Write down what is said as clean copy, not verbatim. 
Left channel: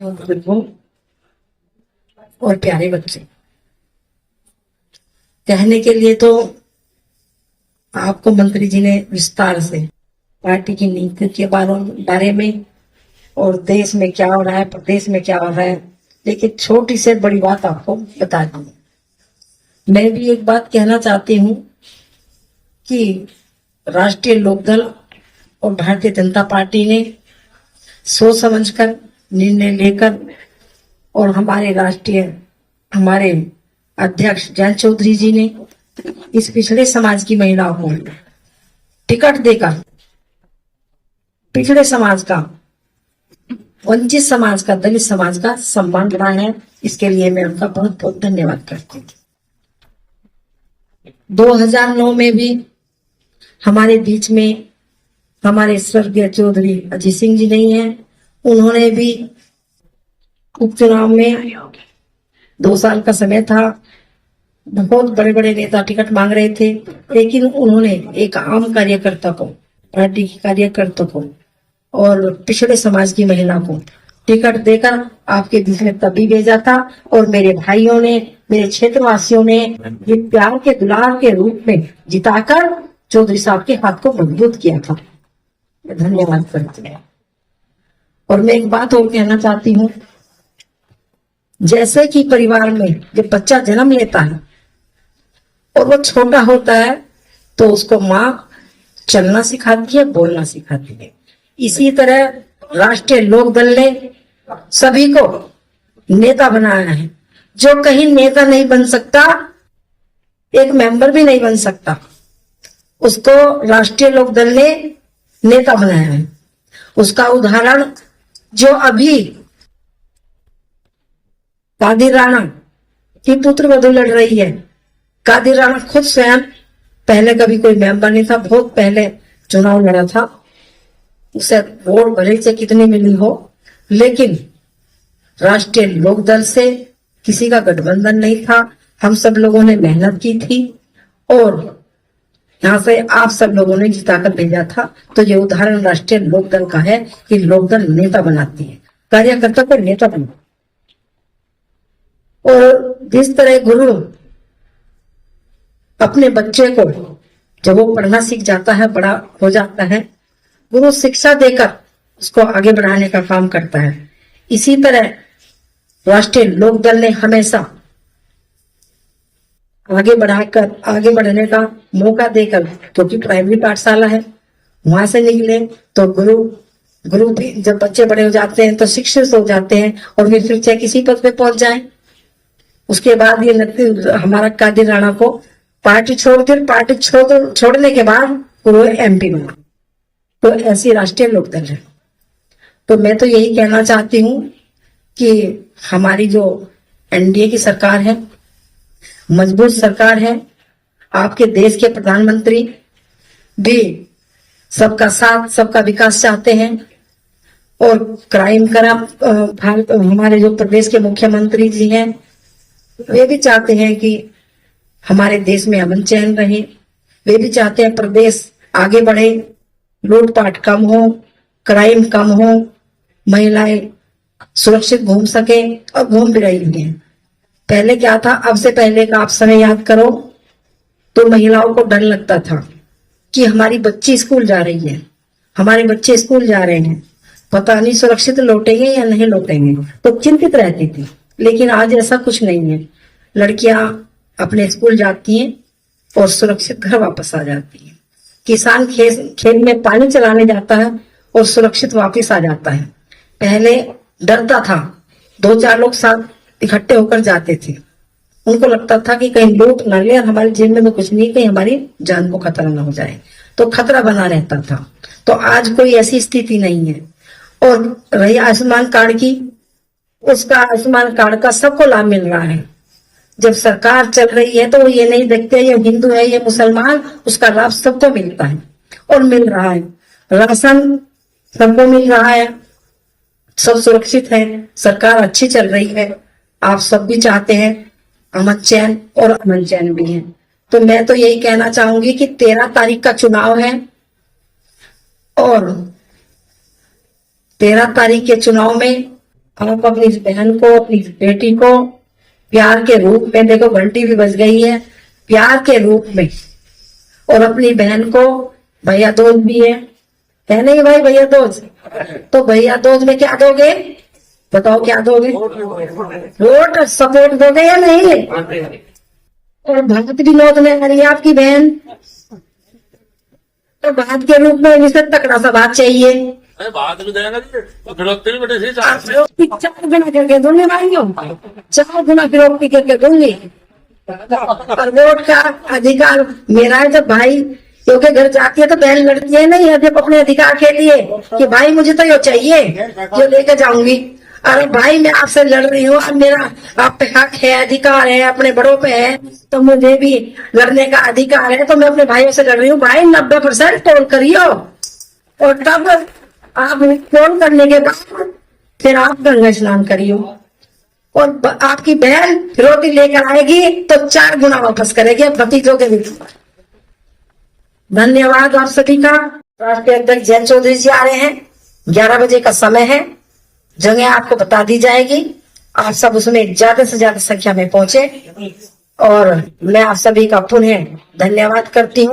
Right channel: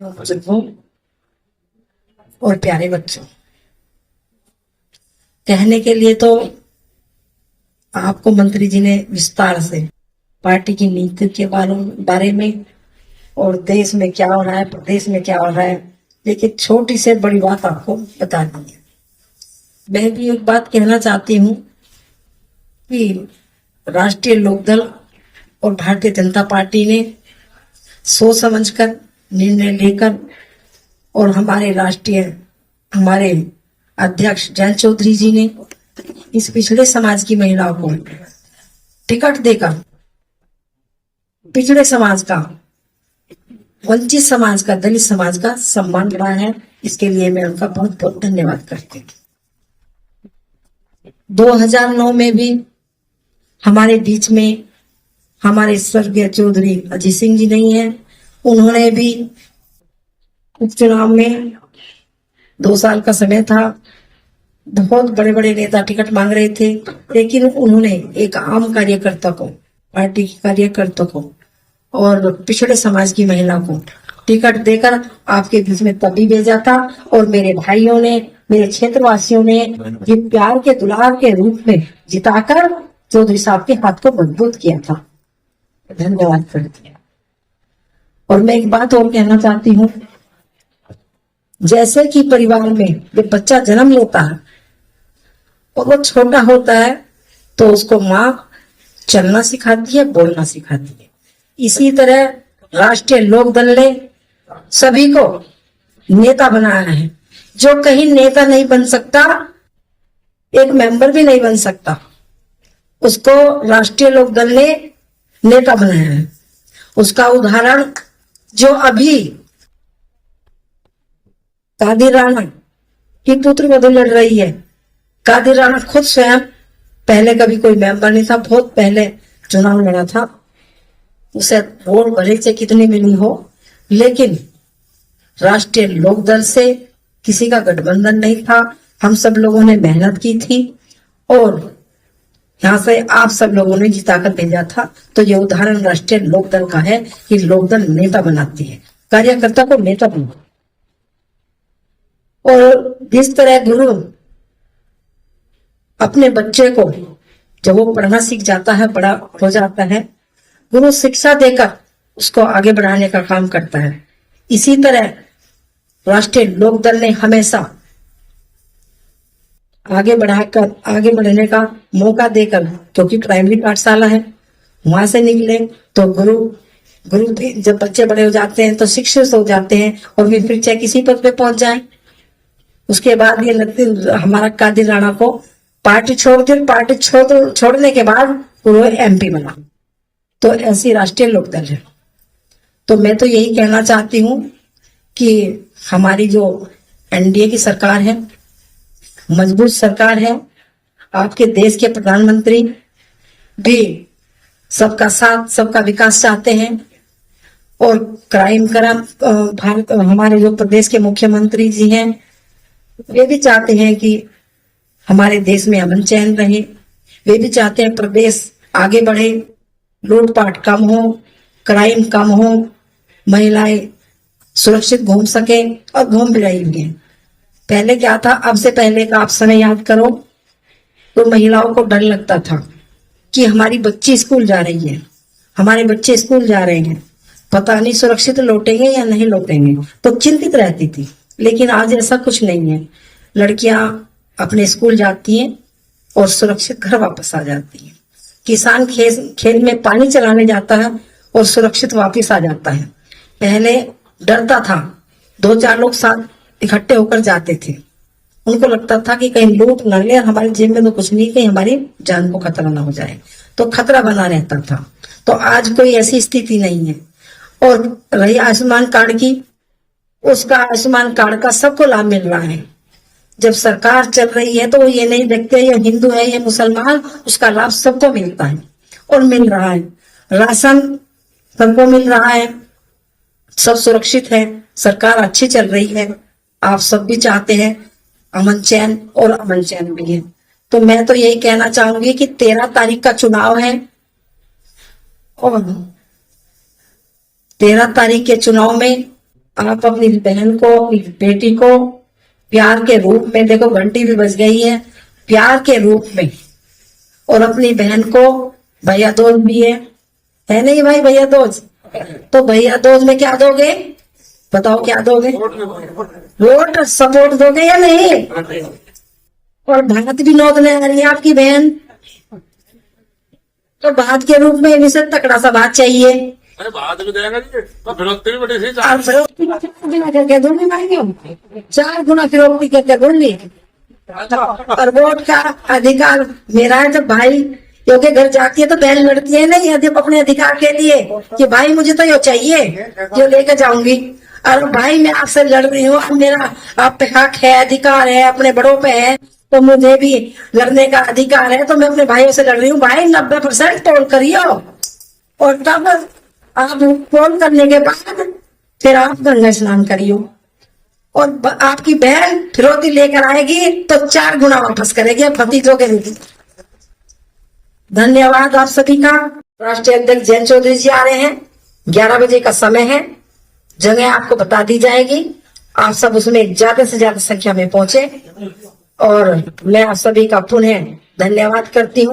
बुजुर्गों और प्यारे बच्चों, कहने के लिए तो आपको मंत्री जी ने विस्तार से पार्टी की नीति के बारे में और देश में क्या हो रहा है, प्रदेश में क्या हो रहा है, लेकिन छोटी से बड़ी बात आपको बता दी है। मैं भी एक बात कहना चाहती हूँ कि राष्ट्रीय लोकदल और भारतीय जनता पार्टी ने सोच समझकर निर्णय लेकर और हमारे अध्यक्ष जयंत चौधरी जी ने इस पिछड़े समाज की महिलाओं को टिकट देकर पिछड़े समाज का, वंचित समाज का, दलित समाज का सम्मान बढ़ाया है। इसके लिए मैं उनका बहुत बहुत धन्यवाद करती हूँ। 2009 में भी हमारे बीच में हमारे स्वर्गीय चौधरी अजीत सिंह जी नहीं है। उन्होंने भी उपचुनाव में 2 साल का समय था, बहुत बड़े बड़े नेता टिकट मांग रहे थे, लेकिन उन्होंने एक आम कार्यकर्ता को, पार्टी के कार्यकर्ता को और पिछड़े समाज की महिला को टिकट देकर आपके बीच में तब भी भेजा था। और मेरे भाइयों ने, मेरे क्षेत्रवासियों ने ये प्यार के दुलार के रूप में जिताकर चौधरी साहब के हाथ को मजबूत किया था। धन्यवाद करती हूँ। और मैं एक बात और कहना चाहती हूँ, जैसे कि परिवार में जब बच्चा जन्म लेता है और वो छोटा होता है तो उसको माँ चलना सिखाती है, बोलना सिखाती है। इसी तरह राष्ट्रीय लोकदल ने सभी को नेता बनाया है। जो कहीं नेता नहीं बन सकता, एक मेंबर भी नहीं बन सकता, उसको राष्ट्रीय लोकदल ने नेता बनाया है। उसका उदाहरण जो अभी कादिर राणा की पुत्रवधू लड़ रही है। कादिर राणा खुद स्वयं पहले कभी कोई मेंबर नहीं था, बहुत पहले चुनाव लड़ा था। उसे वोट भले से कितनी मिली हो, लेकिन राष्ट्रीय लोकदल से किसी का गठबंधन नहीं था। हम सब लोगों ने मेहनत की थी और यहाँ से आप सब लोगों ने जिताकर भेजा था। तो ये उदाहरण राष्ट्रीय लोकदल का है कि लोकदल नेता बनाती है, कार्यकर्ता को नेता बनाती है। और जिस तरह गुरु अपने बच्चे को जब वो पढ़ना सीख जाता है, बड़ा हो जाता है, गुरु शिक्षा देकर उसको आगे बढ़ाने का काम करता है। इसी तरह राष्ट्रीय लोकदल ने हमेशा आगे बढ़ने का मौका देकर, क्योंकि प्राइमरी पाठशाला है, वहां से निकले तो गुरु भी जब बच्चे बड़े हो जाते हैं तो शिक्षित हो जाते हैं और फिर चाहे किसी पद पे पहुंच जाए। उसके बाद ये हमारा कादिर राणा को पार्टी छोड़ने के बाद वो MP बना। तो ऐसी राष्ट्रीय लोकदल है। तो मैं तो यही कहना चाहती हूँ कि हमारी जो NDA की सरकार है, मजबूत सरकार है। आपके देश के प्रधानमंत्री भी सबका साथ, सबका विकास चाहते हैं और क्राइम हमारे जो प्रदेश के मुख्यमंत्री जी हैं, वे भी चाहते हैं कि हमारे देश में अमन चैन रहे। वे भी चाहते हैं प्रदेश आगे बढ़े, लूटपाट कम हो, क्राइम कम हो, महिलाएं सुरक्षित घूम सके और घूम भी रही हैं। पहले क्या था, अब से पहले का आप समय याद करो तो महिलाओं को डर लगता था कि हमारी बच्ची स्कूल जा रही है, हमारे बच्चे स्कूल जा रहे हैं, पता नहीं सुरक्षित लौटेंगे या नहीं लौटेंगे, तो चिंतित रहती थी। लेकिन आज ऐसा कुछ नहीं है। लड़कियां अपने स्कूल जाती हैं और सुरक्षित घर वापस आ जाती हैं। किसान खेत में पानी चलाने जाता है और सुरक्षित वापस आ जाता है। पहले डरता था, 2-4 लोग साथ इकट्ठे होकर जाते थे, उनको लगता था कि कहीं लूट न ले, हमारे जेब में तो कुछ नहीं, कहीं हमारी जान को खतरा ना हो जाए, तो खतरा बना रहता था। तो आज कोई ऐसी स्थिति नहीं है। और रही आयुष्मान कार्ड की, उसका आयुष्मान कार्ड का सबको लाभ मिल रहा है। जब सरकार चल रही है तो ये नहीं देखते ये हिंदू है, ये मुसलमान, उसका लाभ सबको मिलता है और मिल रहा है। राशन सबको मिल रहा है, सब सुरक्षित है, सरकार अच्छी चल रही है। आप सब भी चाहते हैं अमन चैन, और अमन चैन भी है। तो मैं तो यही कहना चाहूंगी कि 13 तारीख का चुनाव है और 13 तारीख के चुनाव में आप अपनी बहन को, अपनी बेटी को प्यार के रूप में, देखो घंटी भी बज गई है, प्यार के रूप में, और अपनी बहन को भैया दोस्त भी है नहीं भाई भैया दोस्त, तो भैया दोस्त में क्या दोगे, बताओ क्या दोगे, वोट सपोर्ट दोगे या नहीं। और भात भी लौटने आ रही है आपकी बहन, तो भात के रूप में इसे तकड़ा सा भात चाहिए, बात भी देंगे तो फिरोक्ती भी बड़ी सी और फिरोक्ती 4 गुना करके दूंगे भाइयों, 4 गुना फिरोक्ती करके दूंगी। और वोट का अधिकार मेरा है। जब भाई क्योंकि घर जाती है तो बहन लड़ती है नहीं, जब अपने अधिकार के लिए कि भाई मुझे तो ये चाहिए जो लेकर जाऊंगी, और भाई मैं आपसे लड़ रही हूँ, अब मेरा आप पे हक है, अधिकार है, अपने बड़ों पे है, तो मुझे भी लड़ने का अधिकार है, तो मैं अपने भाइयों से लड़ रही हूँ। भाई 90% पोल करियो, और तब आप पोल करने के बाद फिर आप गंगा स्नान करियो, और आपकी बहन फिरौती लेकर आएगी तो 4 गुना वापस करेगी भतीजों के रूप में। धन्यवाद आप सभी का। राष्ट्रीय अध्यक्ष जयंत चौधरी जी आ रहे हैं, 11 बजे का समय है, जगह आपको बता दी जाएगी, आप सब उसमें ज्यादा से ज्यादा संख्या में पहुंचे, और मैं आप सभी का पुनः धन्यवाद करती हूँ।